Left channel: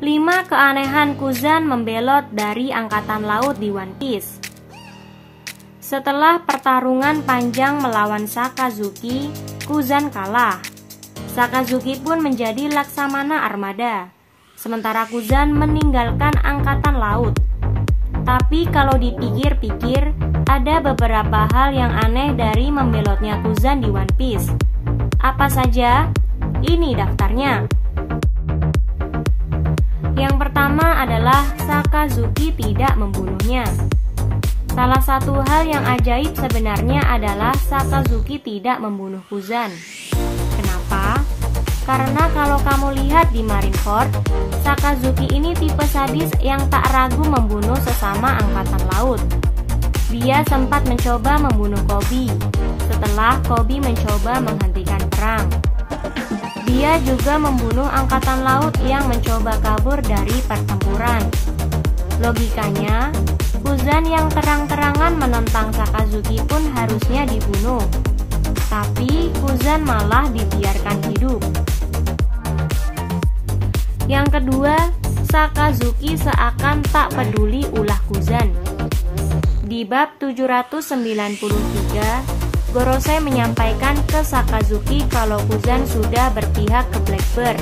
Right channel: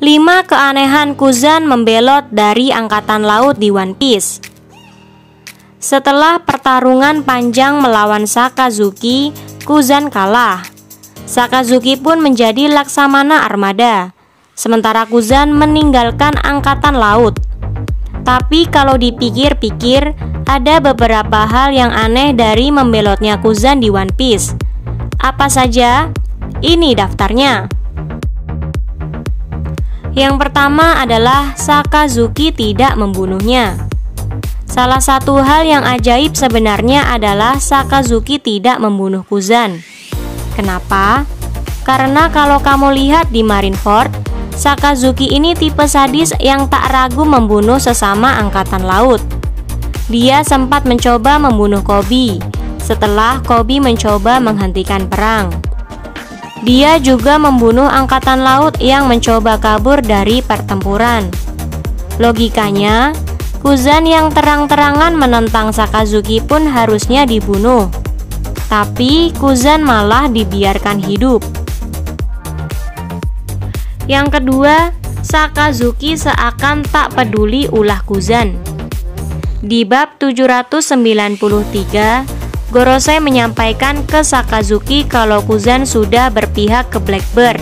5 keanehan Kuzan membelot dari Angkatan Laut di One Piece. Setelah pertarungan panjang melawan Sakazuki, Kuzan kalah. Sakazuki pun menjadi Laksamana Armada, sementara Kuzan meninggalkan Angkatan Laut. Tapi kalau dipikir-pikir, ada beberapa hal yang aneh dari membelotnya Kuzan di One Piece. Apa saja? Ini daftarnya. Yang pertama adalah Sakazuki tidak membunuhnya. Salah satu hal yang ajaib sebenarnya adalah Sakazuki tidak membunuh Kuzan. Kenapa? Karena kalau kamu lihat di Marineford, Sakazuki ini tipe sadis yang tak ragu membunuh sesama angkatan laut. Dia sempat mencoba membunuh Koby setelah Koby mencoba menghentikan perang. Dia juga membunuh angkatan laut yang mencoba kabur dari pertempuran. Logikanya, Kuzan yang terang-terangan menentang Sakazuki pun harusnya dibunuh. Tapi Kuzan malah dibiarkan hidup. Yang kedua, Sakazuki seakan tak peduli ulah Kuzan. Di bab 793, Gorosei menyampaikan ke Sakazuki kalau Kuzan sudah berpihak ke Blackbird.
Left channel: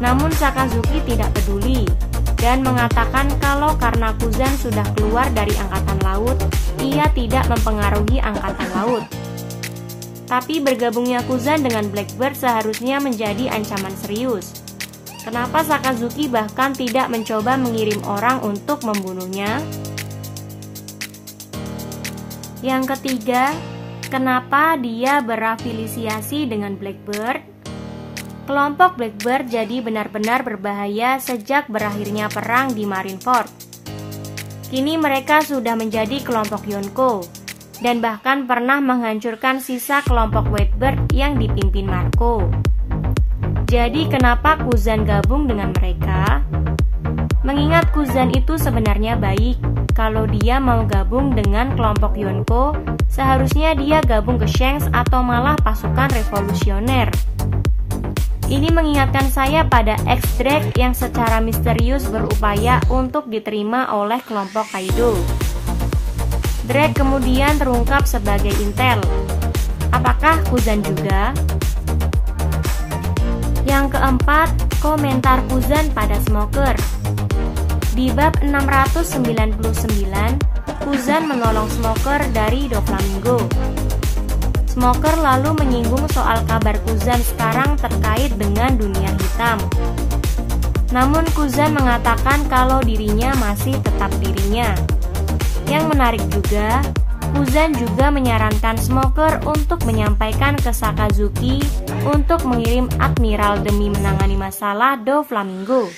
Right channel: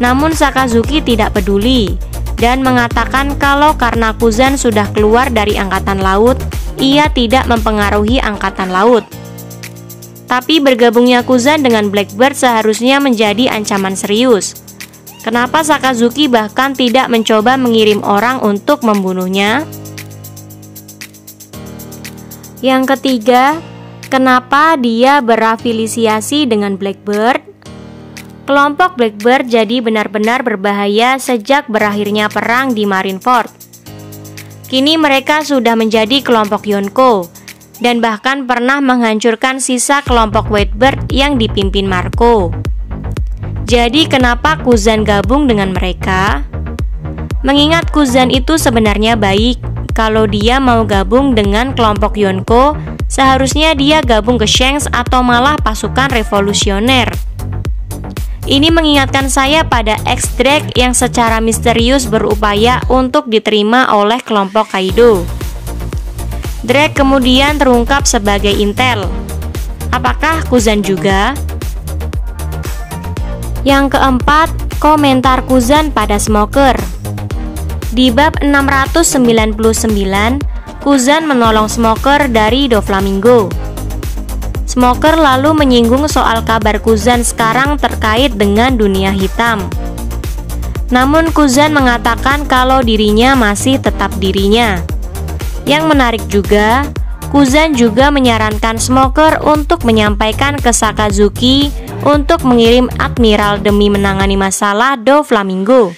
Namun Sakazuki tidak peduli dan mengatakan kalau karena Kuzan sudah keluar dari Angkatan Laut, ia tidak mempengaruhi Angkatan Laut. Tapi bergabungnya Kuzan dengan Blackbird seharusnya menjadi ancaman serius. Kenapa Sakazuki bahkan tidak mencoba mengirim orang untuk membunuhnya? Yang ketiga, kenapa dia berafiliasi dengan Blackbird? Kelompok Blackbird jadi benar-benar berbahaya sejak berakhirnya perang di Marineford. Kini mereka sudah menjadi kelompok Yonko dan bahkan pernah menghancurkan sisa kelompok Whitebird yang dipimpin Marco. Jadi kenapa Kuzan gabung dengan mereka? Mengingat Kuzan itu sebenarnya baik. Kalau dia mau gabung dengan kelompok Yonko, seharusnya dia gabung ke Shanks atau malah pasukan revolusioner. Ini mengingatkan saya pada X-Drake yang secara misterius berupaya untuk diterima oleh kelompok Kaido. Drake kemudian terungkap sebagai intel. Apakah Kuzan juga? Yang keempat, komentar Kuzan pada Smoker. Di bab 699, Kuzan menolong Smoker dari Doflamingo. Smoker lalu menyinggung soal kabar Kuzan sekarang terkait dengan dunia hitam. Namun Kuzan mengatakan kalau dirinya masih tetap dirinya. Yang menarik juga, Kuzan juga menyarankan Smoker untuk menyampaikan ke Sakazuki untuk mengirim admiral demi menangani masalah Doflamingo.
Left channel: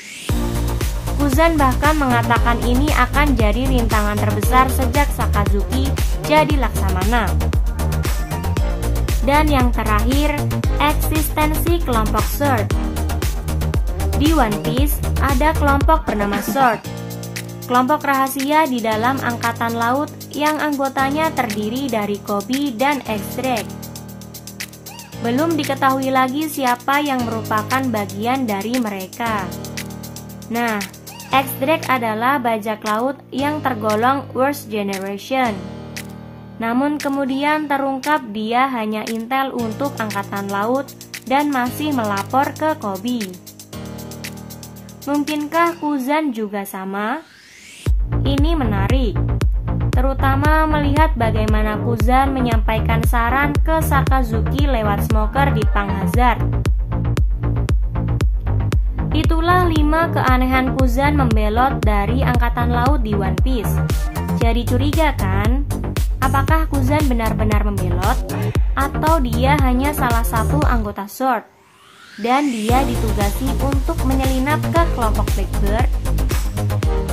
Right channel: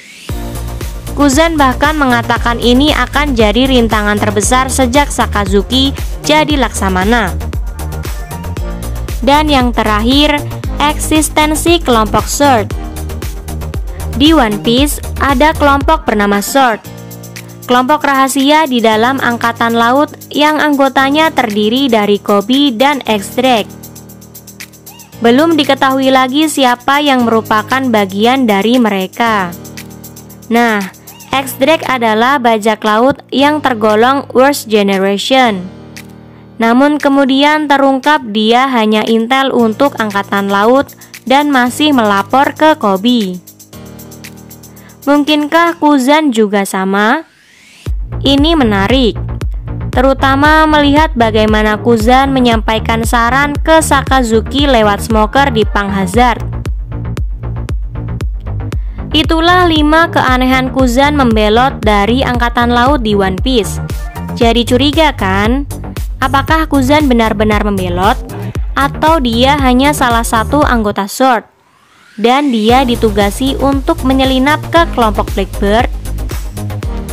Kuzan bahkan mengatakan ini akan jadi rintangan terbesar sejak Sakazuki jadi Laksamana. Dan yang terakhir, eksistensi kelompok Sword. Di One Piece ada kelompok bernama Sword, kelompok rahasia di dalam Angkatan Laut yang anggotanya terdiri dari Koby dan X-Drake. Belum diketahui lagi siapa yang merupakan bagian dari mereka. Nah, X-Drake adalah bajak laut yang tergolong worst generation. Namun kemudian terungkap dia hanya intel untuk Angkatan Laut dan masih melapor ke Koby. Mungkinkah Kuzan juga sama? Ini menarik, terutama melihat bagaimana Kuzan menyampaikan saran ke Sakazuki lewat Smoker di Pang Hazard. Itulah 5 keanehan Kuzan membelot dari Angkatan Laut di One Piece. Jadi curiga kan? Apakah Kuzan benar-benar membelot? Atau dia hanya salah satu anggota Sword? Dan dia ditugasi untuk menyelinap ke kelompok Blackbird?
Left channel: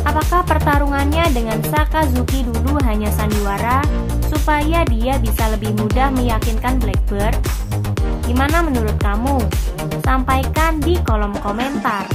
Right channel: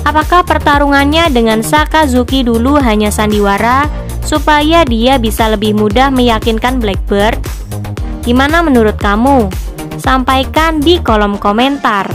Apakah pertarungannya dengan Sakazuki dulu hanya sandiwara supaya dia bisa lebih mudah meyakinkan Blackbird? Gimana menurut kamu? Sampaikan di kolom komentar.